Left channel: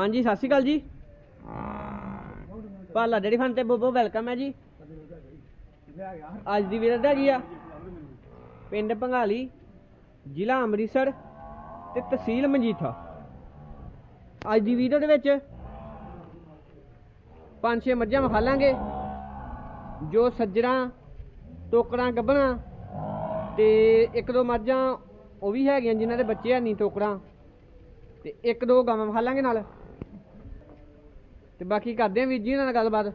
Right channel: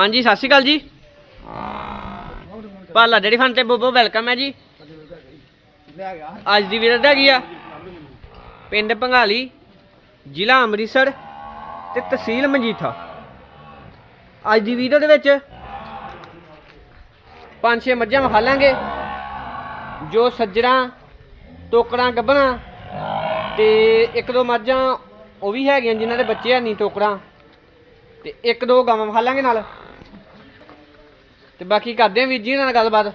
ਹਾਂਜੀ ਸਤਿ ਸ਼੍ਰੀ ਅਕਾਲ ਜੀ। ਪਾਲਾ ਡੇਰੀ ਫਨ ਤੇ ਬੋਬੋ ਵੈਲਕਮ ਹੈ ਜੀ। ਅੱਜ ਦੀ ਵੀਡੀਓ ਹੈਗੀ ਆ। ਪਿੰਡ ਪੰਗਾਲੀ ਜ਼ਿਲ੍ਹਾ ਅੰਮ੍ਰਿਤਸਰ ਤੇ ਤਹਿਸੀਲ ਮਜੀਠਾ। ਅੱਜ ਦੀ ਵੀਡੀਓ ਦੇ ਵਿੱਚ ਪੰਜ ਛੇ ਮੱਝਾਂ ਵਿਖਾ ਲਾਂਗੇ ਜੋ ਸੱਜਰਾਂ ਟੋਕਰਾਂ ਗੱਭਣਾ ਤੇ ਇੱਕ ਦੋ ਮੱਝਾਂ ਉਹ ਵੀ ਹੈਗੀਆਂ ਜਿਨ੍ਹਾਂ ਦੇ ਬੱਚੇ ਹੈ ਨਹੀਂ ਟੋਕਰਾਂ। ਤੇ ਇੱਕ ਦੋ ਗਾਵਾਂ ਵਿਖਾ ਲਾਂਗੇ ਨਾਲ। ਤੇ ਬਾਕੀ ਕਰਦੇ ਆਂ ਵੀਰ ਜੀ ਨਾਲ ਗੱਲਬਾਤ।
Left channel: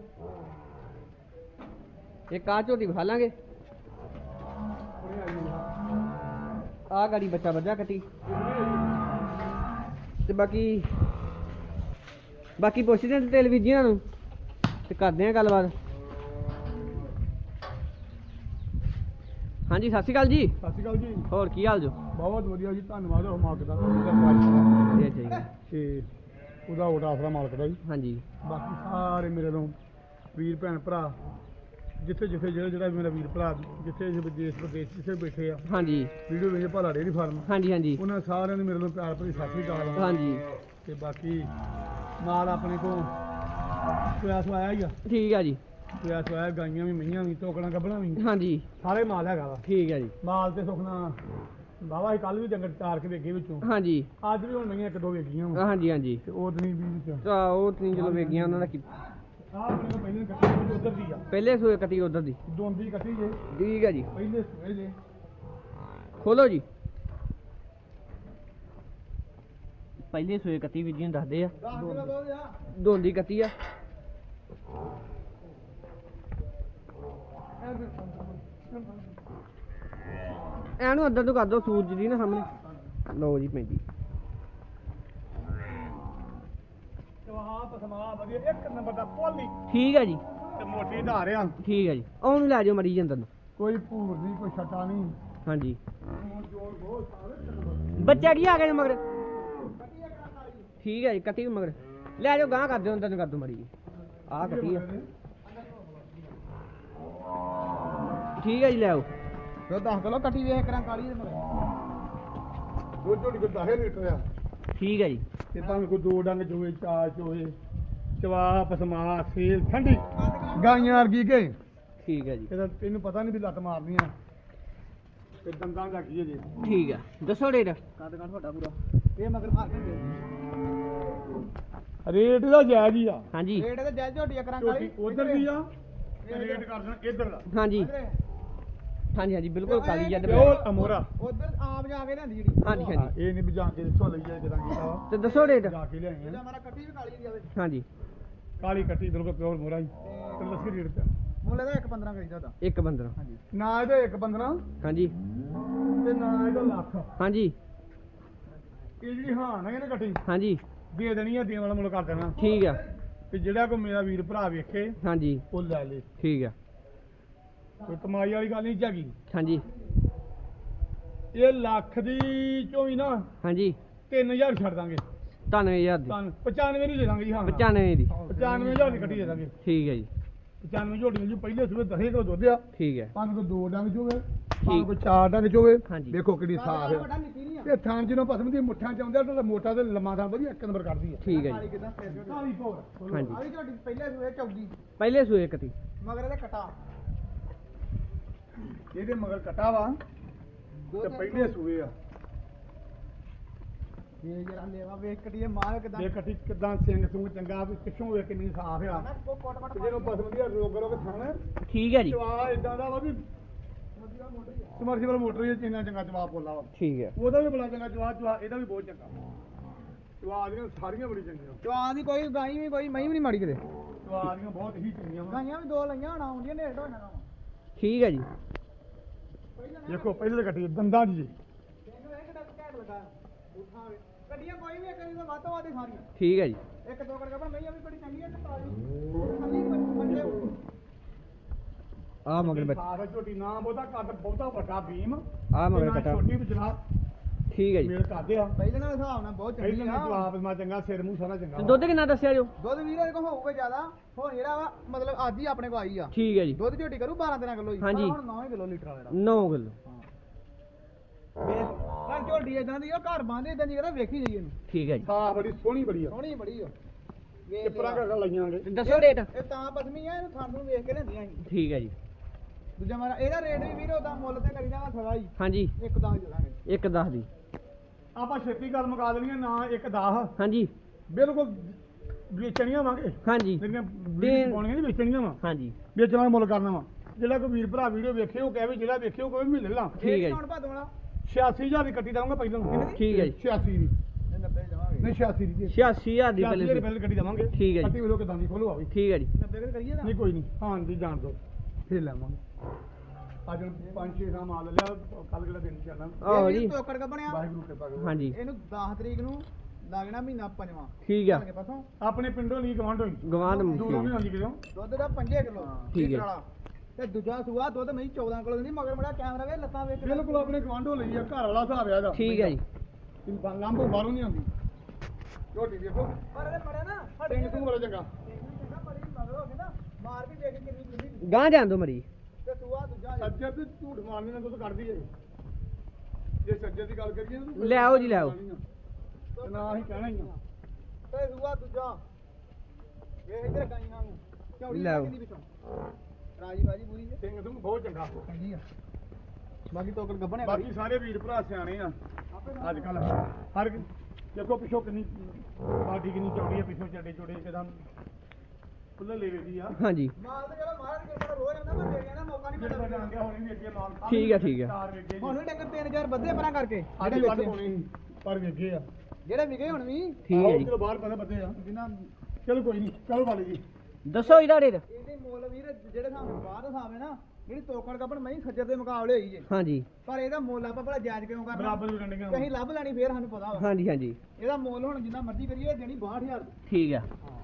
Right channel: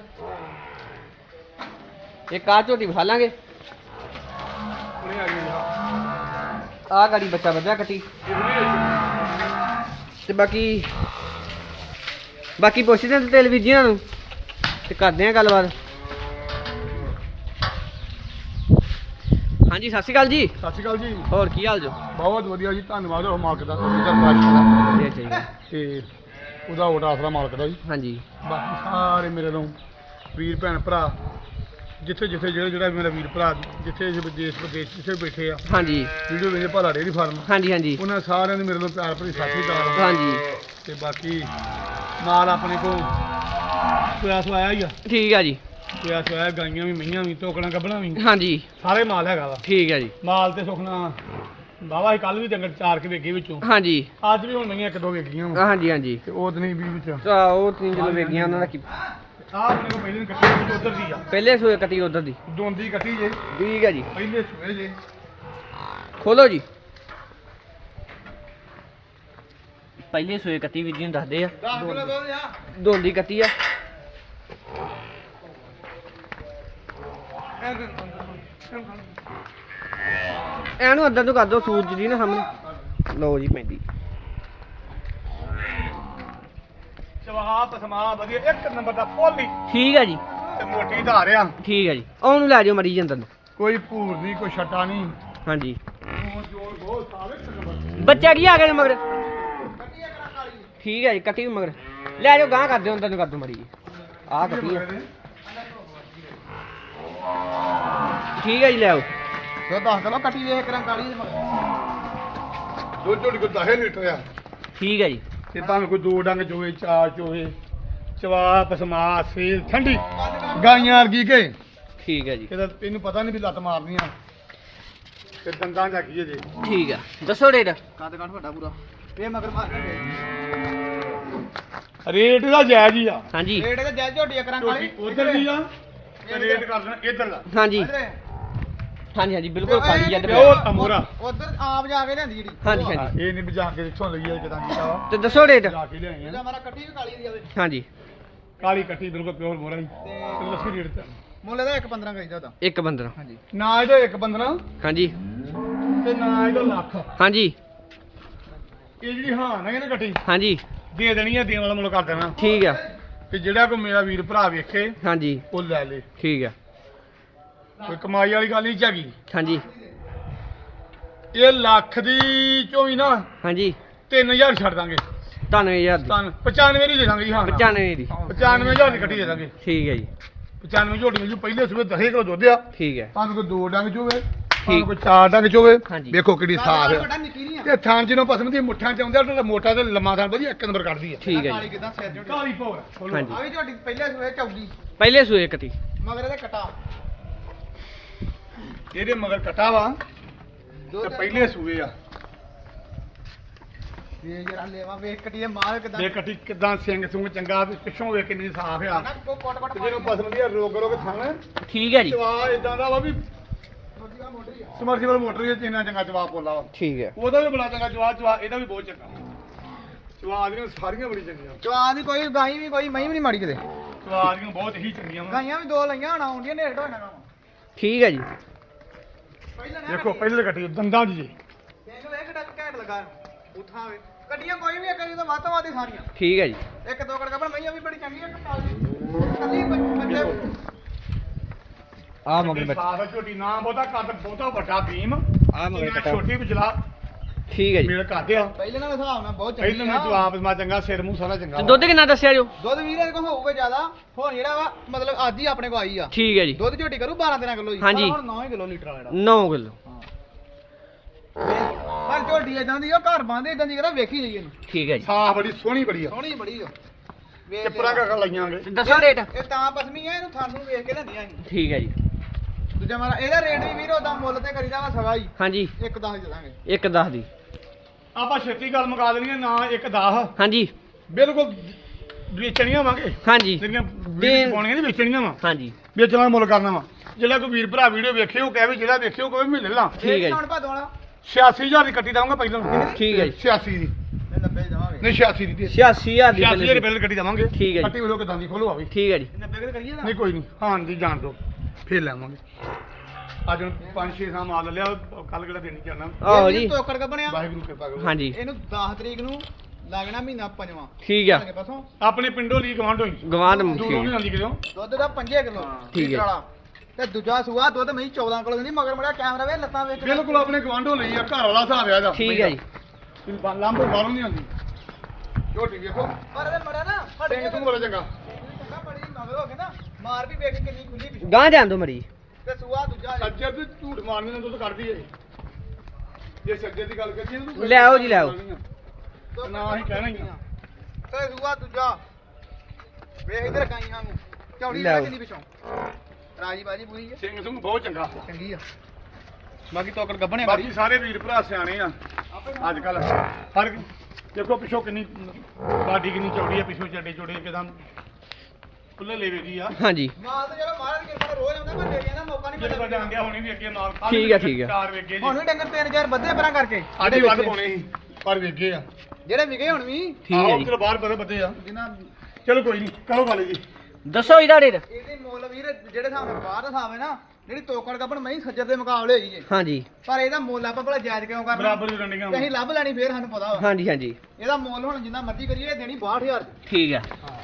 ਇੱਕ ਆਹ ਝੋਟੀ ਵਿਖਾ ਲਾਂਗੇ। ਆਹ ਗਾੜੀ ਬੱਚਾ ਵਧਿਆ ਕੱਟੀ। ਤੇ ਬਾਕੀ ਬਾਕੀ ਪੁੱਛਦੇ ਆਂ ਤੇਲ ਵੀਰ ਜੀ ਇਹਨਾਂ ਨੂੰ। ਤੇ ਕਰਦੇ ਆਂ ਗੱਲਬਾਤ। ਹਾਂਜੀ ਸਤਿ ਸ਼੍ਰੀ ਅਕਾਲ ਜੀ। ਸਤਿ ਸ਼੍ਰੀ ਅਕਾਲ ਜੀ। ਹੋਰ ਕੀ ਹਾਲ ਜੋ? ਬਹੁਤ ਵਧੀਆ ਜੀ ਧੰਨਵਾਦ। ਹੋ ਮਾਲਕ ਦਾ ਤੁਹਾਡੀ ਦਾ ਤੇ ਉਹਦਾ ਓਟ ਆਸਰਾ ਮਾਲਕ ਦਾ ਜੀ। ਹਾਂਜੀ। ਬਾਕੀ ਸਾਰੇ ਮੇਰੇ ਨੂੰ ਵੀਰ ਭੈਣ ਭਰਾ ਜਿੱਥੇ ਜਿੱਥੇ ਜਿਹੜਾ ਜਿਹੜਾ ਮੇਰਾ ਵੀਰ ਭਰਾ ਜਿੱਥੇ ਜਿੱਥੇ ਦੇਸ਼ ਵਿਦੇਸ਼ ਜਿੱਥੇ ਬੈਠੇ ਆ ਹਾਂਜੀ। ਵੀਡੀਓ ਵੇਖਦੇ ਭਾਲਾ ਡੇਰੀ ਫਾਰਮ। ਹਾਂਜੀ ਹਾਂਜੀ। ਉਹਨਾਂ ਸਾਰਿਆਂ ਦੇ ਮੇਰੇ ਨੂੰ ਪਿਆਰ ਭਰੀ ਸਤਿ ਸ਼੍ਰੀ ਅਕਾਲ। ਹਾਂਜੀ। ਤੇ ਬਾਕੀ ਮਾਲ ਆਪਣੇ ਕੋਲ ਪਿਆਸ ਆਇਆ ਹੀ ਆ। ਠੀਕ ਆ ਜੀ। ਪਿਆਸ ਆਇਆ ਗਾਈਆਂ ਵੀ ਮਈਆਂ ਵੀ ਟੋਕਣਾ ਗੱਬਣਾ ਵੀ। ਹਾਂਜੀ। ਸਾਰੇ ਮਾਲ ਹੈਗਾ ਵਾ। ਠੀਕ ਆ ਜੀ। ਮਾਲ ਤੇ ਸੁਖਣਾ ਬਾਵਾ ਹੀ ਕੱਲ ਵੀ ਡੰਗਰ ਚਾਰ ਕੇ ਵੇਗੇ ਵਿੱਚੋਂ। ਹਾਂਜੀ। ਅੱਜ ਵੀ ਹੁਣ ਮਈਆਂ ਇੱਕ ਦੋ ਵੇਗੀਆਂ ਵਾ। ਹਾਂਜੀ ਹਾਂਜੀ। ਤੇ ਉਹ ਦਿਨ ਵੀ ਵਿੱਚ। ਤਾਂ ਉਹ ਤਿੰਨ ਚਲੋ ਵੇਗੀਆਂ ਉਹਨਾਂ ਦਾ ਕੀ ਆਹ ਆਪਣੇ ਕੋਲ ਪਹਿਲੇ ਦਿਨ ਕੱਟੀ ਉਧਰ ਦੀ ਆ। ਪਹਿਲੇ ਸੂਏ ਕੱਟੀ ਉਧਰ ਦੀ। ਦੋਂਦੀ ਕੱਟੀ ਜੇ। ਠੀਕ ਆ ਜੀ। ਪਹਿਲੇ ਸੂਏ ਜੇ। ਖੋਲੋ ਜੀ। ਪਹਿਲੇ ਸੂਏ ਕੱਟੀ ਵੀਰ ਜੀ ਨੂੰ ਦੱਸਦੇ ਆ। 10 ਕਿਲੋ ਦੁੱਧ ਆ। ਦੋਂਦੀ ਕੱਟੀ ਆ। ਇਹਨੂੰ ਅੰਦਰ ਨੂੰ ਕਰ ਦੋ ਸੂਰਜ ਦੀ ਨਾ ਸਾਹਮਣੇ। ਲਓ ਜੀ ਪੈਂਦੀ ਸਵਾਹ ਪਸਮਾ ਵਧੀਆ ਇੱਕ ਨੰਬਰ ਦਾ ਪੋਲੀ ਠੀਕ ਆ ਜੀ। ਤੇ ਮੋਟੀ ਧਾਰ ਆ। ਠੀਕ ਆ ਜੀ। ਉਹਨੂੰ ਲੈ ਜਾਓ ਮਰੀ ਜੀ ਅੰਦਰ ਨੂੰ। ਕੋਈ ਭੂਰ ਨਹੀਂ ਕੋਈ ਛਟਾ ਨਹੀਂ। ਹਾਂਜੀ। ਬੱਚਾ ਕੀ ਆ ਗਿਆ ਜੀ ਮਗਰ? ਠੀਕ ਹੈ ਜੀ ਕੱਟੀ ਮਗਰ। ਲੈ ਜਾਓ ਗਾਂ ਕਰ ਦਿਓ ਅੰਦਰ ਨੂੰ ਕਰ ਦਿਓ ਮਰੀ ਜੀ। ਆਹ ਕੱਟੀ ਆ। ਠੀਕ ਹੈ ਜੀ ਲੈ ਆਓ। ਸੋ 10 ਕਿਲੋ ਕੱਟੀ ਵੇਖ ਕਰਾਂ ਕਾਲੀ ਦੇ ਮਗਰ। ਦੋ ਝੋਲੀ ਕੋ 10 ਲੀਟਰ ਆ। ਠੀਕ ਹੈ ਜੀ। ਤੇ ਭਾਵੇਂ ਕੋਈ ਦੋ ਡੰਗ ਚੋਵੇ ਚਾਰ ਚੋਵੇ ਚਵਾ ਪਸਮਾ ਸੇਲ ਠੰਡੀ ਗਾਈਆਂ ਵਰਗੀ ਕੇ। ਠੀਕ ਹੈ ਜੀ। ਇਹਦਾ ਤੈਨੂੰ ਪਤਾ ਨਹੀਂ ਵੀ ਲੱਤ ਮਾਰਨੀ ਆ। ਤੇ ਦੰਦਾਂ ਜਾ ਕੀ ਜੇ। ਠੀਕ ਆ। ਦੱਸੋ ਰੇਟ। ਕੱਦ ਕੱਟ ਵੱਡਾ ਪੂਰਾ। ਇਹ ਮਗਰ ਮਾਰ ਕੇ ਰੇਟ ਦਾ ਜਾਇਜ਼ ਹੀ ਆ। ਹਾਂਜੀ। ਰੇਟ ਦਾ ਜਾਇਜ਼ ਝੋਟੀ ਕਰਾਂ ਕਾਲੀ। ਉਧਰ ਦੀ ਆ ਤੇ ਰੇਟ ਕਰ ਦੇਣਾ ਇੱਧਰ ਦਾ। ਹਾਂਜੀ। ਹਾਂਜੀ ਹਾਂਜੀ ਬਿਲਕੁਲ ਕਾਲੀ ਜੱਟ ਪਿਓਰ ਅਮੋਰਾ ਉਧਰ ਆਪ ਜਾ ਕੇ ਲਿਆਂਦੀ ਜਿਹੜੀ। ਹਾਂਜੀ ਹਾਂਜੀ। ਇਹ ਨਹੀਂ ਵੀ ਜਾ ਕੇ ਇੱਥੋਂ ਲਈ ਆ ਕਿਦਾਂ ਕੀਤਾ ਵਾ। ਤੇ ਦੱਸੋ ਰੇਟ ਜਾ ਕੇ ਲਿਆਏ ਇਹਦਾ ਆ ਮਾਰਾ ਕੱਟੀ ਵੀ ਕਾਲੀ ਦੀ ਆਵੇ ਹਾਂਜੀ। ਕਾਲੀ ਕੱਟੀ ਬਿਲਕੁਲ ਪਿਓਰ ਮੋਰਾ ਹੀ। ਤੇ ਤੇ ਦੱਸੋ ਰੇਟ ਤੇ। ਮੁੱਲ ਇਹਦਾ 1.15 ਕਰੀਦਾ ਉਹਦਾ। ਇੱਕ ਬੰਦਰ ਹਾਂਜੀ। ਨਾ ਇਹਦਾ ਇੱਕ ਬੰਦਨਾ ਹਾਂਜੀ। ਤੇ ਨਾ ਇਹਦਾ ਲੱਖ। ਹਾਂਜੀ। ਇਹ ਜਿਹੜੀ ਹਾਂ ਨਾ ਇਹਨੇ ਕੱਟੀ। ਹਾਂਜੀ। ਦੇ ਦੇਣੀ ਆ ਦੇਣ ਵਾਲਾ ਮੁੱਲ ਕਰ ਦੇਣਾ। ਠੀਕ ਆ। ਤੇ ਜਿਹੜਾ ਕੋਈ ਮੇਰਾ ਵੀਰ ਭਰਾ ਵੇਖੇ ਹਾਂਜੀ। ਉਹ ਲੈ ਲੇ। ਠੀਕ ਆ। ਕੋਈ ਕਮਾਈ ਵਾਲੀ ਗੱਲ ਨਹੀਂ ਝਾਗੀ ਹਾਂਜੀ। ਇਹ ਲੱਖ ਦੀ ਚੋਂ ਵੀ ਨਾ ਹਾਂਜੀ। 3000 ਛੱਡ ਦਾਂਗੇ। 93000 ਦੀ। ਤੁਹਾਨੂੰ 95 ਦੀ ਦੇ ਦਾਂਗੇ ਜੀ ਹਾਂ 95 ਦੀ। 95000 ਦੀ ਕੱਟੀ ਦੇ ਦਾਂਗੇ। ਠੀਕ ਹੈ ਜੀ। 95 ਝੋਟੀਆਂ ਜੋ ਪਹਿਲੇ ਸੂਬੇ 10 ਕਿਲੋ ਦੁੱਧ ਆ। ਠੀਕ ਹੈ। ਭਾਵੇਂ ਕੋਈ ਦੋ ਡੰਗ ਚੋਵੇ। ਭਾਵੇਂ ਕੋਈ ਚਾਰ ਡੰਗ ਚੋਵੇ। ਵੇਖੋ ਕਿੰਨੀ ਸਾਫ਼ ਹੈ ਤੇ ਥਾਂ ਜਿਹਨੂੰ ਪਸੰਦ ਦੀ ਮੁੱਠਾਂ ਚ ਆਉਂਦਾ ਤੇ ਮੋਟਾ ਤੇ ਲੰਮਾ ਥਾਂ ਵਧੀਆ ਇੱਕ ਨੰਬਰ ਕੱਢਦੀ ਹੈ ਠੀਕ ਹੈ ਕਾਲੀ ਜੀ ਕਿਦਾਂ ਸਿਰ ਜੁੜ ਕਾਲੀ ਭੌਰ। ਹਾਂਜੀ। ਆ ਵੀ ਝੋਟੀ ਪਹਿਲੇ ਸੂਏ ਚੌਗੀ ਪਹਿਲੇ ਸੂਏ ਕੱਟੀ ਮਗਰ ਇਹਦਾ ਕਟਾ। ਇਹਦੇ ਮਗਰ ਕਟਾ ਵਾ। ਤੇ ਪਹਿਲੇ ਸੂਏ ਆ। ਵੇ ਜਰਾ ਲੈਵਾ ਵੇਖ ਕੱਟੀ ਦੇ ਮਾਲ ਕਿਦਾਂ ਇਹ ਕੱਟੀ ਕਿਦਾਂ ਸਿੰਘ ਸੁੰਗ ਚੰਗਾ ਤੇ ਪਿੱਛੋਂ ਵੇਖ ਕਿੰਨੀ ਸਾਫ਼ ਆ। ਤੇ ਜਿਹਨੂੰ ਪਸੰਦ ਦੀ ਰੋਗ ਰੋਗ ਥਾਂ। ਠੀਕ ਹੈ ਜੀ। ਚਵਾ ਇਦਾਂ ਦਾ ਵਾ ਵੀ ਸਮਰਸੀਬਲ ਮੋਟਰ ਵਿੱਚ ਇੰਨਾ ਚੰਗਾ ਜਵਾਬ ਬੋਲਾ ਵਾ। ਠੀਕ ਹੈ। ਉਹਦਾ ਵੀ ਬੜਾ ਚੰਗਾ ਜਵਾਬ ਜਵਾਬ ਇਹਦਾ ਵੀ ਬਹੁਤ ਚੰਗਾ। ਜਵਾਬ ਦੀਆਂ ਸਾਰੀਆਂ ਬੜੀ ਚੰਗੀਆਂ ਚਵਾ ਦੀ ਕੋਈ ਗਾਈ ਵੀ ਕੋਈ ਮਹੀਂ ਵੀ ਨਹੀਂ ਮਾੜੀ ਕਿਤੇ। ਜਵਾਬ ਦੀਆਂ ਬਹੁਤ ਹੀ ਚੰਗੀਆਂ ਵਾ। ਗਾਈਆਂ ਵੀ ਦੋ ਲਈਆਂ ਹਣਾ ਆਉਂਦੀਆਂ ਨੇੜ ਢੋਣਾ ਕੰਮ ਠੀਕ ਹੈ ਜੀ। ਦੇਖੋ ਪਹਿਲੇ ਕੱਟੀ ਦੰਦਾਂ 'ਚ ਜੀ। ਦੇਖ ਲੈ ਕਿੱਡਾ ਘੈਂਟ ਲਗਾ ਉਠਾਵੇ ਕੱਟੀਆਂ ਕੋਈ ਵੀ ਕਰੀ ਤਾਂ ਵੱਧ ਵਾਦੀ ਸਾਰੀਆਂ। ਠੀਕ ਹੈ ਜੀ। ਇੱਕ ਦੋ ਕੜਕਾ ਪਰ ਮਈਆਂ ਵੀ ਬੜੀ ਚੰਗੀ ਆ ਕਟਾ ਦੀ। ਕੱਲੀ ਬੱਚੇ ਆ ਮਗਰ ਬੱਚਾ। ਸਾਫ਼ ਝੋਟੀ ਨਾ ਬਹੁਤਾ ਕੱਦ ਬਹੁਤਾ ਵੱਡਾ ਬੀਮ ਆ ਮਗਰ ਕਟਾ। ਛੋਟੀ ਵਿਚਲਾ ਠੀਕ ਹੈ ਜੀ। ਮੇਲ ਕਰਦੇ ਆ ਪਹਿਲੇ ਨਾਲ ਹਿਸਾਬ ਨਾਲ ਬਹੁਤ ਪਹਿਲੇ ਚੰਗੀ ਮੈਂ ਆ ਜਵਾਬ ਮਾ ਚੰਗਾ ਸਿਰ ਮੂੰਹ ਸਾਰਾ ਚੰਗਾ ਤੇ ਵਾ। ਦੁੱਧ ਕਿੰਨਾ ਦੱਸਿਆ ਜੋ ਦੁੱਧ ਵੀਰ ਇਹਦੇ ਕੋਲ ਹੋਊਗਾ ਜ਼ਿਆਦਾ। ਹੁਣ ਜਿਹੜਾ ਵਾ ਮਤਲਬ ਅੱਜ ਹੀ ਆਪਣੇ ਕੋਲ ਆਈ ਆ। ਠੀਕ ਹੈ ਜੀ। ਦੁੱਧ ਝੋਟੀ ਕਰੂ 12 13 ਕਿਲੋ ਜੀ। ਹਾਂਜੀ। ਪਰ ਹੁਣ 9 ਕਿਲੋ ਲੀਟਰ ਵਾਲਾ 9 ਕਿਲੋ। ਜਿਹੜਾ ਪਰ ਝੋਟੀ ਇਦਾਂ ਦੀ ਉਹ ਘਰ ਬੰਦੇ ਇਦਾਂ ਦੀ ਕਰਾ ਵੇਖੀ ਜਾਈਏ ਇਹਨੂੰ। ਠੀਕ ਹੈ ਜੀ। ਸਾਫ਼ ਬੜੀ ਸੋਹਣੀ ਬੜੀ ਆ। ਸੋਹਣੀ ਬੜੀ ਆ। ਵੇਖ ਟਿੱਪਰਾ ਲਿਆ। ਕਾ ਲਾਈਆਂਗੇ ਤੇ ਦੱਸੋ ਰੇਟ। ਇਹ ਤਾਂ ਪਸਮੀ ਆ ਇਹਨੂੰ ਥਾਨੂੰ ਵੇਖ ਕੇ ਲੈਂਦੀਆਂ ਸੀ। ਠੀਕ ਹੈ ਜੀ। ਦੂਜਾ ਮਾਰਾ ਇਹਦਾ ਰੇਟ ਵੀ ਵੀਰ ਉਹਦਾ ਮੁੱਲ ਤੇ ਕਰੀਦਾ ਵਾ ਸਵਾ ਹੀ। ਹਾਂਜੀ। ਇੱਕ ਦਸ ਚਲਾਂਗੇ ਇੱਕ ਦੱਸ ਦੀ। ਆਪਾਂ ਛੇਤੀ ਗੱਲ ਮੁਕਾ ਦੇਣੀ ਆ ਨਾ ਇੱਕ 10 ਹਾਂਜੀ। ਬਿਲਕੁਲ ਵੇਚਣੀਆਂ ਵਾਂਗੇ ਹਾਂਜੀ। ਜਿਹੜੀਆਂ ਦੇਣ- ਪਾਉਣੀਆਂ ਨਹੀਂ ਵੇਚਣੀਆਂ ਵਾ। ਹਾਂਜੀ। ਵੇਚਣ ਦਾ ਮੁੱਲ ਕਰਨਾ ਵਾ। ਜਿਹੜਾ ਕੋਈ ਵੀਰ ਭਰਾ ਵੀਡੀਓ ਵੇਖੇ ਉਹ ਕਹੇ ਵੀ ਜਿਹੜਾ ਵੇਖੇ ਉਹ ਕੋਈ ਮਹੀਨੇ ਲਾ। ਠੀਕ ਹੈ ਜੀ। ਹੁਣ ਭਾਦੋਂ ਵਾਲਾ। 86000 ਦੀ ਕੱਟੀ ਦਵਾਂਗਾ ਪਹਿਲਾਂ। ਠੀਕ ਹੈ ਜੀ। 86 ਦੀ। ਮੈਂ 90 ਜਾਵਾਂਗੇ ਨਹੀਂ 86 ਦੀ 86000 ਦੀ 86 ਦੀ ਪਹਿਲੇ ਪਹਿਲਾਂ ਕੱਟੀ ਦਵਾਂਗੇ। ਠੀਕ ਹੈ ਜੀ। ਕੱਟੀ ਵੇਲੋ ਕਿਦਾਂ ਦੀ? ਖੋਲੋ ਆਵੀ ਠੀਕ ਹੈ ਜੀ। 90 ਕਿਤੇ ਕਰੀਏ ਨਹੀਂ ਕੋਈ ਨਹੀਂ। ਹਾਂ ਜੀ ਜਾਣ ਦੋ ਫੇਰ ਲਾਵਾਂਗੇ ਅੱਜ ਹੁਣ 5-6 ਸਾਲ ਮਾਲ ਲਿਆ ਕੱਲ ਕਿਹੜਾ ਦੇਣੀ ਜਾਣਾ। ਆਹੋ ਜੀ। ਤੋਕੜ ਕ ਬਣਿਆ। ਵਾਹਿਗੁਰੂ ਕਿਰਪਾ ਕਰੋ। ਹਾਂਜੀ। ਇਹਨੂੰ 10 ਤਰੀਕ ਨੂੰ ਲੱਗਣਾ ਮਹੀਨਾ ਪੰਜਵਾਂ। ਠੀਕ ਆ। ਕੇ ਪਾਸੋਂ। ਆਪਣੇ ਪਿੰਡੋਂ ਲਈ ਗਵਾਂਢ ਹੋਈ। ਗਵਾਂਢ ਦੂਰੋਂ ਠੀਕ। ਨਹੀਂ ਹੈ ਆਉਂਦੀ ਕਿਦੋਂ ਦੁੱਧ ਦਾ 5 ਕਿਲੋ ਠੀਕ ਹੈ। ਵਾਲਾ। ਤੇ ਦੂਜਾ ਸੂਆ ਦੁੱਧ ਮਹੀਂ 14 ਕਿਲੋ ਦਿੰਦੀ ਮਗਰ ਮੜਾ ਕੈਮਰਾ ਵੇ ਲੱਤਾਂ ਵੇਖ ਬਿਲਕੁਲ ਆਪਣੇ ਗਵਾਂਢੋਂ ਲਈ ਆ ਘਰ ਵਾਲਾ ਹਿਸਾਬ ਆ ਇਹਦਾ। ਠੀਕ ਹੈ ਜੀ। ਲੰਬੋ ਬਾਹਰੋਂ ਨਹੀਂ ਆਉਂਦੀ। ਝੋਟੀ ਵੇਖੋ। ਪਰ ਇਹ ਮੜਾ ਨਾ ਸਿੰਘ ਤੂੰ ਬੜਾ ਚੰਗਾ। ਚੰਗਾ ਬੜੀ ਮਗਰ ਹੋ ਗਏ ਨਾ ਮਾਰ ਵੀ ਵੇਖ ਕਿੰਨੀ ਖੁੱਲੀ ਪਿਛੂ। ਗਾਂ ਜਾਣ ਦੋ ਮਰੀ ਤੇ ਸੂਆ ਦੂਜਾ ਜੀ। ਸੱਜਰ ਤੇ ਝੂਠ ਮਾਰਨੇ ਨਾਲ ਦੁੱਧ ਕੱਢਦੀ ਏ। ਜੇ ਸੱਜਰ ਦੀ ਗੱਲ ਕਰੀਏ ਤਾਂ ਤੂੰ ਲੈ ਆਓ ਜੀ, ਲੈ ਆਓ। ਦੁੱਧ ਨਾ ਅਸੀਂ ਕਹਿਣਾ ਹੀ ਆ। ਤੇ ਸੂਆ ਦੂਜਾ। ਵੇਖ ਇਧਰ ਕਾਈਆਂ ਨੂੰ। ਚੌੜੀ ਲੈ ਆਓ। ਕਿੰਨੀ ਪਿਛੋਂ। ਰਾਜੀ ਬਾਜੀ ਪੂਰੀ ਹੈ ਸਿੰਘ ਸਿੰਘ ਬਹੁਤ ਚੰਗਾ। ਚੰਗੀ ਆ। ਬਾਕੀ ਤੋਕੜ ਗੱਬਣੇ ਬਾਕੀ ਸਾਰੇ ਵੀਰ ਭਰਾ ਸਿਆਣੇ ਆ। ਅੱਜ ਕੱਲ ਹਰ ਦੇਖੋ ਪਿੱਛੋਂ ਕਿੰਨੀ ਬਾਡੀ ਕਿੰਨੀ ਚੌੜੀ ਆ ਪਿੱਛੋਂ ਚੱਡੇ ਚੋੜੇ ਕਿਦਾਂ ਖੁੱਲੇ ਲੇਵੇ ਦੀ ਆ। ਹਾਂਜੀ। ਮਾਲ ਤਾਂ ਜਿਹੜਾ ਮਾਰਨ ਕਿਰਪਾ ਨਾਲ ਰੋਜ਼ ਆਉਂਦਾ ਪਰ ਡੇਰੀਆਂ ਦਾ ਮੌਕਾ ਨਹੀਂ ਜਿਹੜੇ ਮਿਲਦਾ। ਵੱਡਾ ਆਂਗਿਆ ਹੋਣੀ ਵੀ ਅੱਗੇ ਨਾਲ। ਠੀਕ ਆ, ਠੀਕ ਆ। ਚਾਰ ਵੇਗੇ ਹੁਣ ਵੀ ਡੰਗਰ 3000 ਵੱਧੇ ਪਰਾਂ ਕਰਕੇ। ਆਡੇ ਵੱਧ ਪਾਉਣੇ ਸੀ ਪਰ ਵੇਗੇ ਆ। ਜਿਹੜੇ ਵਿਗੇ ਹੁਣ ਵੀ। ਠੀਕ ਹੈ ਆਹੋ, ਜੀ। ਚਲੋ ਬਾਹਰ ਬੜੇ ਬੱਦੇ ਆ। ਜਿਨ੍ਹਾਂ ਚਲੋ ਕੋਈ ਨਹੀਂ ਕਰੋ ਗੱਲ ਜੀ। ਦੱਸੋ ਇਹਦਾ ਰੇਟ ਇਹਦੇ ਮੁੱਲ ਵੀਰ ਜਿਹੜੇ ਹਿਸਾਬ ਨਾਲ ਬਾਹਰ ਦਾ ਹਿਸਾਬ ਹੈ ਨਾ ਜਿਹੜੀ ਤੋਕੜ ਗੱਬਣ ਮੈਂ ਸੱਜਰ ਦੇ ਮੁਕਾਬਲੇ ਹੋਈ ਜੇ। ਹਾਂਜੀ। ਪਰ ਇਹਦਾ ਮੁੱਲ ਆਪਾਂ ਭਲਾ ਜਾਇਜ਼ ਕਿਉਂ ਕਰਨਾ? ਬਰਾਬਰ ਦੀ ਰੰਡੀਆਂ ਤੇ ਅਸੀਂ ਲੱਭ ਲੈਣੀ ਫੇਰ ਸਾਨੂੰ ਪਤਾ ਵਾ। ਹਾਂਜੀ ਹਾਂਜੀ। ਇਹਦਾ ਮੁੱਲ ਹੁਣ ਜਿੰਨਾ ਮਰਜ਼ੀ ਕਰੀਏ ਇਹ ਦੇਣੀ 62000 ਦੀ। ਠੀਕ ਆ।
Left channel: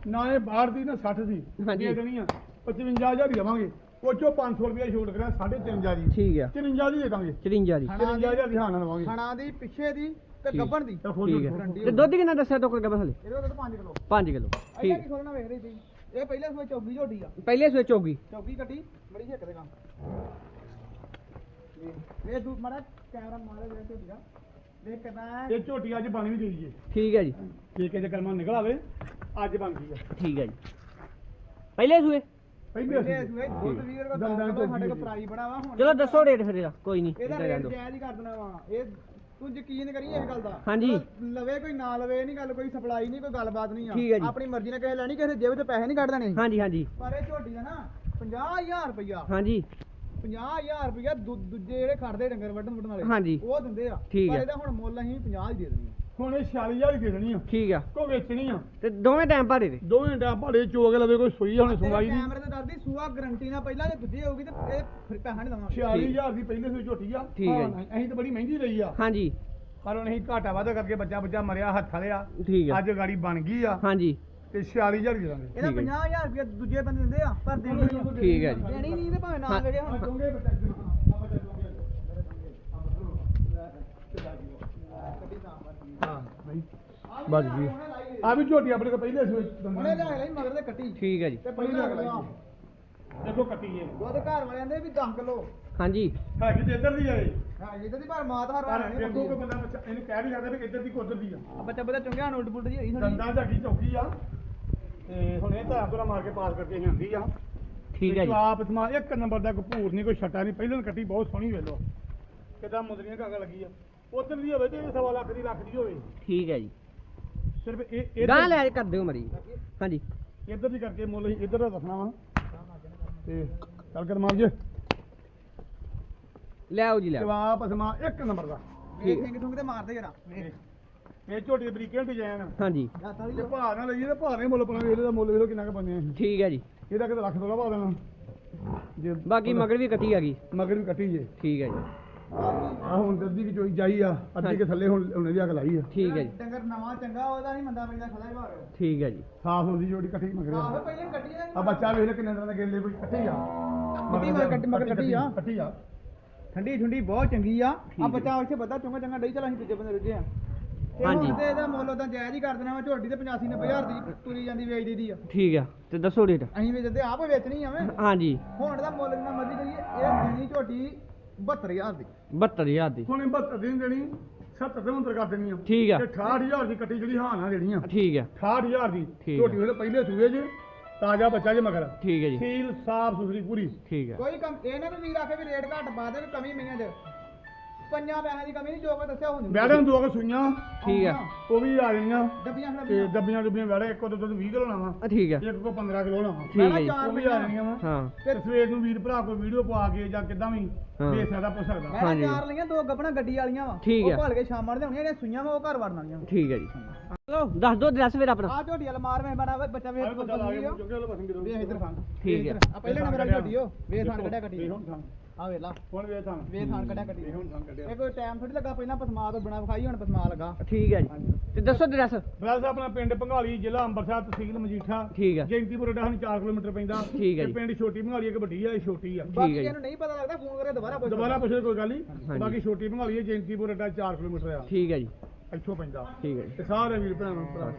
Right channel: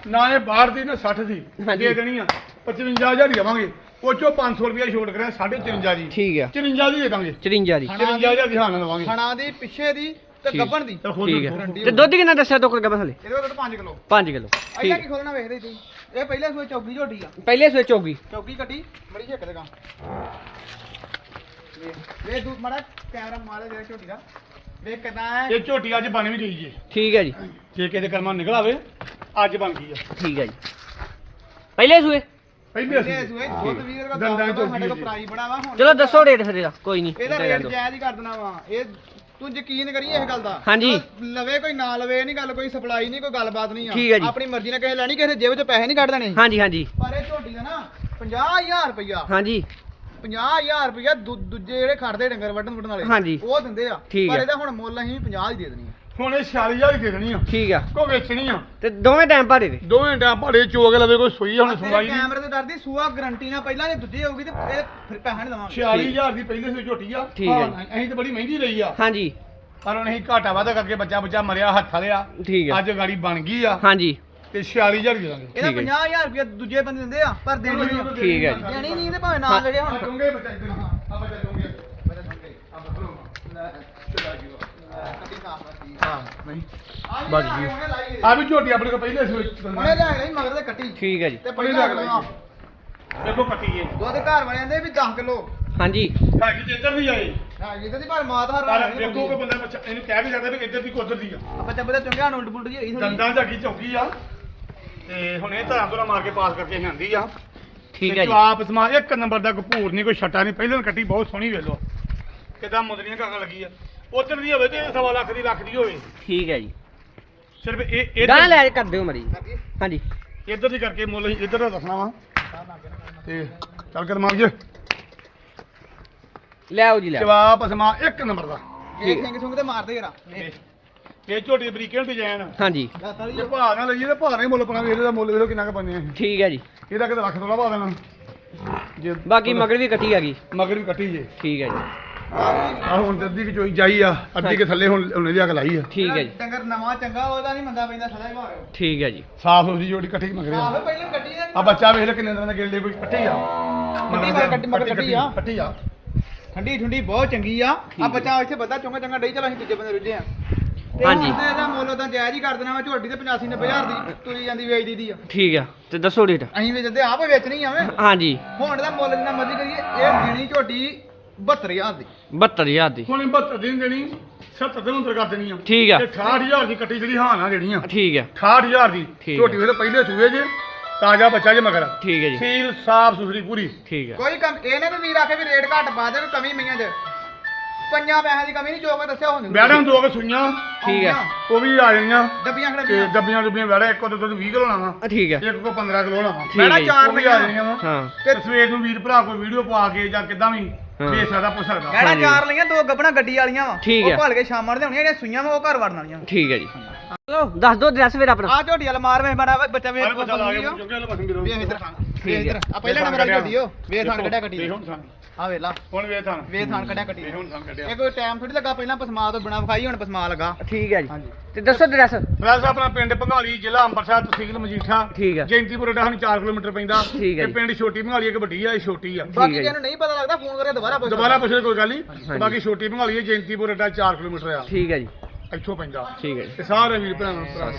ਨਾ ਇਹ ਬਾਹਰ ਦੀ ਨਾ 60 ਦੀ। ਦੇ ਦੇਣੀ ਆ। 55000 ਹੀ ਦੇਵਾਂਗੇ। ਉਹ ਚੋਂ 500 ਰੁਪਏ ਛੋਟ ਕਰਿਆ 53 ਦੀ। ਠੀਕ ਆ। 54 ਦੀ ਦੇ ਦਾਂਗੇ। 54 ਦੀ। 54000 ਦੀ ਹਾਂ ਲਵਾਂਗੇ ਖਣਾ ਦੀ ਪਿੱਛੇ ਦੀ ਤੇ। ਗੱਬਣ ਦੀ। ਠੀਕ। ਆ। ਤੇ ਦੁੱਧ ਕਿੰਨਾ ਦੱਸਿਆ ਤੋਕੜ ਗੱਬਾ ਥਲੇ ਇਹਦੇ ਕੋਲ 5 ਕਿਲੋ। 5 ਕਿਲੋ। ਠੀਕ। ਕੀ ਖੋਲਣਾ ਵੇਖਦੇ ਤੁਸੀਂ। ਇਹ ਪਹਿਲੇ ਸੂਏ ਚੌਗੀ ਝੋਟੀ ਆ। ਪਹਿਲੇ ਸਵੇ ਚੌਗੀ। ਚੌਗੀ ਕੱਟੀ ਬੜੀ ਛੇਕ ਦੇਗਾ ਵੇ ਦੂਤ ਮੜਾ ਕੈਮਰਾ ਮਾਰੇ ਜਿਹੜਾ ਝੋਟੀ ਦਾ। ਵੇਖ ਕਿਦਾਂ ਹੈ। ਇਹ ਝੋਟੀ ਅੱਜ ਬਣ ਵੀ ਗਈ ਜੀ। ਠੀਕ ਹੈ ਜੀ। ਜੇ ਕਿਸੇ ਦੇ ਕਰਮਾਂ ਨਿਕਲ ਆਵੇ ਅੱਜ ਬਣ ਗਈ ਆ। ਠੀਕ ਹੈ ਜੀ। ਪਹਿਲੇ ਸੂਏ? ਪਹਿਲੇ ਪਹਿਲੇ ਸੂਏ। ਦੁੱਧ ਵੀਰ ਦਾ ਦੰਦਾਂ ਸਾਡੇ ਕੋਲ ਪ੍ਰਾਈ ਬੜਾ ਵਾ ਹੁਣ। ਚਲੋ ਦੱਸੋ ਰੇਟ ਫਿਰ ਇਹਦਾ ਕੋਈ ਨਹੀਂ। ਇਹਦਾ ਰੇਟ। ਜਾਇਜ਼ ਹੀ ਕਰ ਦੇਣਾ ਵਾ। ਇਹ ਤੂੰ ਯਕੀਨ ਕਰੀ ਇਸ ਗੱਲ ਦਾ ਹਾਂਜੀ। ਲਵੇ ਕੋਈ ਨਾ ਲਵੇ ਇਹ ਨਹੀਂ ਗੱਲ ਕੋਈ ਸਪਲਾਈ ਨਹੀਂ ਕੋਈ ਗੱਲਬਾਤ ਨਹੀਂ ਆ ਠੀਕ ਹੈ ਜੀ। ਆਪਣੀ ਮਰਜ਼ੀ ਨਾਲ ਕਿਸੇ ਲੈਣੀ ਕਿਸੇ ਜੇਬ 'ਚ ਪੈਸੇ ਨਹੀਂ ਕੱਢ ਦੇਣੇ ਹਾਂਜੀ ਹਾਂਜੀ ਪਰ ਇਹ ਝੋਟੀ ਦਾ ਨਾ 50000 ਰੁਪਇਆ ਹਾਂਜੀ 50000 ਰੁਪਇਆ ਦੂ- ਦੂਜੇ ਜਿਹੜੇ ਖੜਦੇ ਡੰਗਰ ਵੱਢਣ ਵੱਢਣ ਵਾਲੇ ਹਾਂਜੀ। ਉਹ ਦਿੰਦੇ ਆ ਠੀਕ ਪਰ ਹੈ। ਇਹਦਾ ਹੁਣ ਮੁੱਲ ਅਸੀਂ 50 ਹੀ ਦੇ ਦੇਣੀ ਆ ਹੁਣ ਇਹ 46000 ਦੀ ਦੇ ਦੇਣੀ ਆ। ਠੀਕ ਆ। ਕੋ ਵੇਚਣੀ ਆ। ਤੇ ਦੋਵੇਂ ਟਾਈਮ ਭਾੜੇ ਦੇ। ਦੋਵੇਂ ਟਾਂ ਭਾੜੇ ਚੋਗ ਲਵੇ ਕੋਈ ਸੋਈ ਆ ਹੁਣ ਤੇਰੇ ਸੁਣਵਾਈ ਦੀ ਕੈਮਰੇ ਤੋਂ ਡਰਦੀ ਸੂਆ ਗਰੰਟੀ ਨਾਲ ਪਹਿਲਾਂ ਜੇ ਦੂਜੀ ਹੋਊਗੀ ਤੇ ਇਹ ਫਿਰ ਪੈਸਾ ਨਹੀਂ ਦਵਾਂਗੇ। 46000 ਦੀ ਪਹਿਲੇ ਸੋਈ ਝੋਟੀ ਆ। ਠੀਕ ਹੈ। ਹਾਂ, ਅਸੀਂ ਤਾਂ ਬੜੀ ਮਹਿੰਗੀ ਲਈ ਆ। ਹਾਂਜੀ। ਪਰ ਹੁਣ ਅਸੀਂ ਘਾਟਾ ਵਾਧਾ ਕਰਕੇ ਬੱਚਾ ਬੱਚਾ ਮਰਿਆ ਹੱਥ ਵਾਲਿਆ ਠੀਕ ਆ। ਅੱਜ ਗਾੜੀ ਬਣ ਗਈ ਆ। ਹਾਂਜੀ। ਤੇ 46000 ਦੇ ਦਾਂਗੇ। ਇਹਦਾ ਠੀਕ ਹੈ ਜੀ। 50000 ਰੁਪਇਆ ਦੂਜੇ ਬੰਦੇ ਦਿੰਦੇ ਆ ਪਰ ਦੇਣੀ ਨਹੀਂ। ਆ। ਠੀਕ ਹੈ ਜੀ। ਦੇਣੀ ਨਹੀਂ ਤੇ ਭਾਵੇਂ ਨਾ ਹਾਂ। ਲੜੇ ਹੁਣ। ਦੋਗੇ ਬੱਚਾ ਇੱਧਰ ਆ ਬੱਚਾ ਦੋਗੇ ਮੇਰੇ ਸੰਗੇ ਆ ਬਖਰੋ ਲੈ ਚਲਾ ਜੀ। ਕੱਢੀ ਸਾਫ਼ ਕਰਦੀ ਹਾਂ। ਨਹੀਂ ਆ ਜੀ। ਵੀ ਝੋਟੀ ਆਪਣੇ ਕੋਲ ਪਹਿਲੇ ਸੋਈ ਉਹਨੇ ਲੈ ਲਈ ਮਗਰ ਤੇ ਕੱਟੀ। ਠੀਕ ਹੈ ਜੀ। ਤੇ ਪਹਿਲੇ ਲੱਗ ਅਗਲਾ ਦੇਖੋ ਕੱਟੀ ਇਹ। ਦੁੱਧ ਘਰ ਵਾਲਿਆਂ ਦੇ ਵੀ 10 ਕਿਲੋ। ਹਾਂਜੀ। ਹੈਗੀ ਤੇ ਇੱਧਰ ਦੀ ਆਏ ਹਾਂ ਇਹਦੇ ਦੀ ਪਰ ਮਾਤ ਹਰ ਦੇਖੋ ਕਿ ਬੰਦਾ ਬੱਚਾ ਇਹਨੂੰ ਕਹਿ ਵੀ ਸਕਦਾ ਵੀ ਇੱਧਰ ਦੀ ਕੋ ਉੱਧਰ ਦੀ ਆ। ਬੱਚਾ ਬੱਚਾ ਚੰਗਿਆ ਨੂੰ ਉਲਟ ਪੁਲਟ ਜੀ ਹੋਈ ਥੋੜੀ ਦੰਦਾਂ ਝਾਕੀ ਚੌਕੀ ਆ। ਤੇ ਹੁਣ ਇਹ ਧਰਾਂ ਤੋਂ ਮਾਰ ਕੇ ਪਾਸ ਕਰਕੇ ਆਂਦੀ ਆ। ਠੀਕ ਹੈ ਜੀ। ਆਪ ਸਮਾ ਇੱਕ ਨੰਬਰ ਦਾ ਕਪੂਰ ਨਹੀਂ ਕੋਈ ਛੱਟਾ ਨਹੀਂ। ਪਹਿਲਾਂ ਕੱਟੀ ਬਹੁਤ ਸੋਹਣੀ ਵੇਲੋ ਕਿਦਾਂ ਮੁੰਦਰੀਆਂ ਕਾਗਾ ਲੱਗੀ ਆ ਉਧਰ ਦੀ ਹੋਵੇ ਤੇ ਸਵਾ ਲੱਖ ਦੀ ਲੱਖ ਦੀ ਹੋਵੇ। ਠੀਕ ਹੈ ਜੀ। ਸਿਰਫ ਇਹ ਗਾਂ ਲੈ ਕਰ ਦਿਓ ਮਰੀ। ਹਾਂਜੀ। ਇੱਧਰ ਦੀ ਕਰਕੇ ਮੁੱਲ ਅਸੀਂ ਇੱਧਰ ਦਾ ਦੱਸਣਾ ਵਾ। ਤੇ ਚੱਲ ਕਰ ਮਾਰ ਜੇ। ਲੈ ਆਓ ਜੀ ਲੈ ਆਓ। ਜਵਾਬ ਸਮਾ ਇੱਕ ਨੰਬਰ ਦਾ। ਇਹ ਸਿੰਘ ਸੁੰਗ ਤੇ ਮਾਰਦੇ ਜਰਾ। ਇਹ ਝੋਟੀ ਬਰੀਕੇ ਡਿਜ਼ਾਈਨ ਹਾਂਜੀ। ਜੇ। ਭਾਅ ਨਾਲ ਲਈਏ ਤਾਂ ਭਾਅ ਨਹੀਂ ਮੁੱਲ ਪਣਾ ਵੀ ਇਹਦਾ ਮੁੱਲ ਵੇਖੋ ਕਿੰਨਾ ਕੁ ਬੰਨੇ ਆ ਠੀਕ ਹੈ ਜੀ। ਇਹਦਾ ਕਿਤੇ ਲੱਖ ਤੋਲਾ ਪਾ ਦੇਣਾ। ਜੇ ਬਾਕੀ ਮਗਰ ਵੀ ਕੱਟੀ ਆ ਗਈ। ਮਗਰ ਵੀ ਕੱਟੀ ਜੇ। ਠੀਕ ਹੈ ਜੀ। ਆ ਹੁਣ ਤੇ ਅੱਧੀ ਕਿ ਚੋਈ ਜਾਈ ਆ ਅੱਧੀ ਕੇ ਥੱਲੇ ਹੁਣ ਉਹਨੇ ਦੀ ਅੱਗ ਲਾਈ ਆ। ਠੀਕ ਹੈ ਜੀ। ਡੰਗਰ ਨਵਾਂ ਚੰਗਾ ਉਹਦਾ ਨਹੀਂ ਮੰਦਾ ਪੈਂਦਾ ਸਦਾ ਹੀ ਭਾਵੇਂ ਠੀਕ ਹੈ ਜੀ। ਸਾਫ਼ ਹੋ ਜੀ ਜੋੜੀ ਇਕੱਠੀ ਮਗਰ ਆਹੋ ਪਹਿਲਾਂ ਕੱਟੀ ਨੇ ਆ ਬੱਚਾ ਵੇਖ ਲੈ ਕਿੰਨੇ ਦਿਨਾਂ ਦਾ ਗਿੱਲੇ ਕੋਈ ਇਕੱਠੀ ਆ। ਕੱਟੀ ਮਗਰ ਕੱਟੀ ਮਗਰ ਕੱਟੀ ਆ। ਇਕੱਠੀ ਆ। ਠੰਡੀ ਠੰਡੀ ਬਹੁਤ ਚੰਗੀ ਆ। ਆ। ਬੱਚਾ ਇੱਥੇ ਬੱਦਾ ਚੰਗਾ ਚੰਗਾ ਡਈ ਚਲੋ ਅਸੀਂ ਦੂਜੇ ਬੰਦੇ ਰੁੱਝੇ ਆ। ਤੇ ਹਾਂਜੀ। ਤੇ ਇਹਦਾ ਮੁੱਲ ਉਦਾਂ ਜਾਇਜ਼ ਹੀ ਕਰ ਦੇਣਾ ਵਾ ਝੋਟੀ ਤੇ 85 90000 ਦੀ ਤੁਰੀ ਜਾਂਦੀ ਵੇਚਦੀ ਦੀ ਆ। ਠੀਕ ਆ ਤੇ ਦੱਸੋ ਰੇਟ। ਅਸੀਂ ਵੇਚਦੇ ਆਪ ਵੇਚਣੀ ਆਵੇਂ ਹਾਂਜੀ। ਹੁਣ ਦਾ ਮੁੱਲ ਜਿੰਨਾ ਮਰਜ਼ੀ ਕਰੀਏ ਇਹ ਦੇਣੀ ਝੋਟੀ 72000 ਦੀ। 72000 ਦੀ। ਹੁਣ 72 ਦਿਨ ਦੇਣੀ 70 ਦੇ ਅੰਦਰ ਕਰ ਦੇਣੀ ਆ। ਠੀਕ ਆ। ਤੇ 68000 ਦੀ ਕੱਟੀ ਜਿਹੜੀ ਹਾਂ ਨਾ ਜਿਹੜੀਆਂ ਠੀਕ ਹੈ 68000 ਦੀ। ਠੀਕ ਆ। ਝੋਟੀ ਉਹਦੇ ਪਹਿਲੇ ਸੂਏ ਜੇ ਤਾਜ਼ਾ ਬੱਚਾ ਜੇ ਮਗਰ। ਠੀਕ ਹੈ ਜੀ। ਸੀਲ ਸਾਫ਼ ਸੁਥਰੀ ਪੂਰੀ। ਠੀਕ ਹੈ ਕੋਈ ਕਮ ਇਹਨੇ ਵੀ ਵੀਰ ਆਖੇ ਵੀ ਰੇਟ ਘੱਟ ਪਾ ਦੇ ਵੀ ਕਮੀ ਮਈਆਂ 'ਚ ਪੰਜਾਂ ਪੈਸਿਆਂ ਦੀ ਕਮੀ ਨਹੀਂ ਜੋ ਮੈਂ ਦੱਸਿਆ ਹੁਣ ਬੈੜਾਂ ਦੋ ਕੇ ਸੁਈਆਂ। ਠੀਕ ਹੈ। ਉਹ ਵੀ ਆ ਜਾਣੀਆਂ। ਡੱਬੀਆਂ ਤੇ ਡੱਬੀਆਂ ਡੱਬੀਆਂ ਬੈੜਾ ਇੱਕ ਉਹਦੇ ਦੁੱਧ 20 ਕਿਲੋ ਲਾਵਾਂ ਆ, ਠੀਕ ਹੈ। ਇੱਕ ਕੋ 15 ਕਿਲੋ ਲਾਵਾਂ ਠੀਕ ਹੈ ਜੀ। ਉਹ ਵੀ ਆ ਜਾਣੀਆਂ ਵਾ। ਹਾਂ। ਤੇ ਸਵੇਰ ਨੂੰ ਵੀਰ ਭਰਾ ਕੋਈ ਵੀਡੀਓ ਪਾ ਕੇ ਜਾਂ ਕਿਦਾਂ ਵੀ ਹਾਂ। ਦੇ ਸਕਦਾ ਪੁੱਛ ਸਕਦਾ। ਹਾਂਜੀ। ਚਾਰ ਲਈਆਂ ਦੋ ਗੱਬਣਾ ਗੱਡੀ ਵਾਲੀਆਂ ਵਾ। ਠੀਕ ਹੈ। ਉਹ ਭਲ ਕੇ ਸ਼ਾਮਾਂ ਦੇ ਹੋਣੀਆਂ ਜਿਹੜੀਆਂ ਸੂਈਆਂ ਵਾ ਉਹ ਘਰ ਵੜਨ ਵਾਲੀਆਂ। ਠੀਕ ਹੈ ਜੀ। ਚਲੋ ਦੱਸ ਦਿਓ ਐਡਰੈਸ ਫਿਰ ਆਪਣਾ। ਆ ਝੋਟੀ ਵਾਲਾ ਮਾਰ ਵੇ ਬੜਾ ਬੱਚਾ ਵੇ ਹਰ ਬੱਚਾ ਲਾ ਕੇ ਚੁੱਕੇ ਲੋ ਬਸਨ ਵੇ ਇਧਰ। ਠੀਕ ਹੈ। ਆ ਪਹਿਲਾਂ ਨੰਬਰ ਵਾਲੀ ਝੋਟੀ ਓ। ਵੇ ਥਾਣ ਕੱਢਿਆ ਗੱਡੀ ਹੁਣ ਥਾਂ। ਆ ਵੇ ਲਾ। ਹੁਣ ਵੇ ਥਾਂ। ਵੇ ਥਾਣ ਕੱਢਿਆ ਗੱਡੀ ਵੇ ਹੁਣ ਥਾਂ ਕੱਢਿਆ। ਇਹ ਕੋਈ ਟਾਈਮ ਥੋੜੀ ਲੱਗਾ ਪਹਿਲਾਂ ਪਸਮਾ ਤੋਂ ਬਿਨਾ ਵਿਖਾਈ ਹੁਣ ਪਸਮਾ ਲੱਗਾ। ਠੀਕ ਹੈ ਜੀ। ਹਾਂਜੀ। ਤੇ ਦੱਸੋ ਐਡਰੈਸ ਵੈਸੇ ਆਪਣਾ ਪਿੰਡ ਭੰਗਾਲੀ ਜ਼ਿਲ੍ਹਾ ਅੰਮ੍ਰਿਤਸਰ ਤਹਿਸੀਲ ਮਜੀਠਾ। ਠੀਕ ਹੈ। ਜੈਂਤੀਪੁਰ ਡਾ ਸਾਨੂੰ 4 ਕਿਲੋਮੀਟਰ ਪੈਂਦਾ। ਠੀਕ ਜੀ। ਪਿੰਡ ਛੋਟੀ ਭੰਗਾਲੀ ਇੱਕ ਵੱਡੀ ਆ ਇਹ ਛੋਟੀ ਆ। ਬਾਕੀ। ਜਿਹਨੂੰ ਨਹੀਂ ਪਤਾ ਲੱਗਦਾ ਫੋਨ ਕਰੇ ਦੁਬਾਰਾ ਪੁੱਛ ਦੁਬਾਰਾ ਪੁੱਛੇ ਕੋਈ ਗੱਲ ਨਹੀਂ। ਬਾਕੀ ਛੋਟੀ ਭੰਗਾਲੀ ਹੈ ਜੈਂਤੀਪੁਰ ਡਾ 4 ਕਿਲੋਮੀਟਰ ਆ। ਠੀਕ ਹੈ ਜੀ। ਇੱਥੋਂ ਪੈਂਦਾ। ਠੀਕ ਹੈ ਜੀ। ਤੇ ਸਾਰੇ ਵੀਰ ਭਰਾਵਾਂ ਨੂੰ ਭਰਾ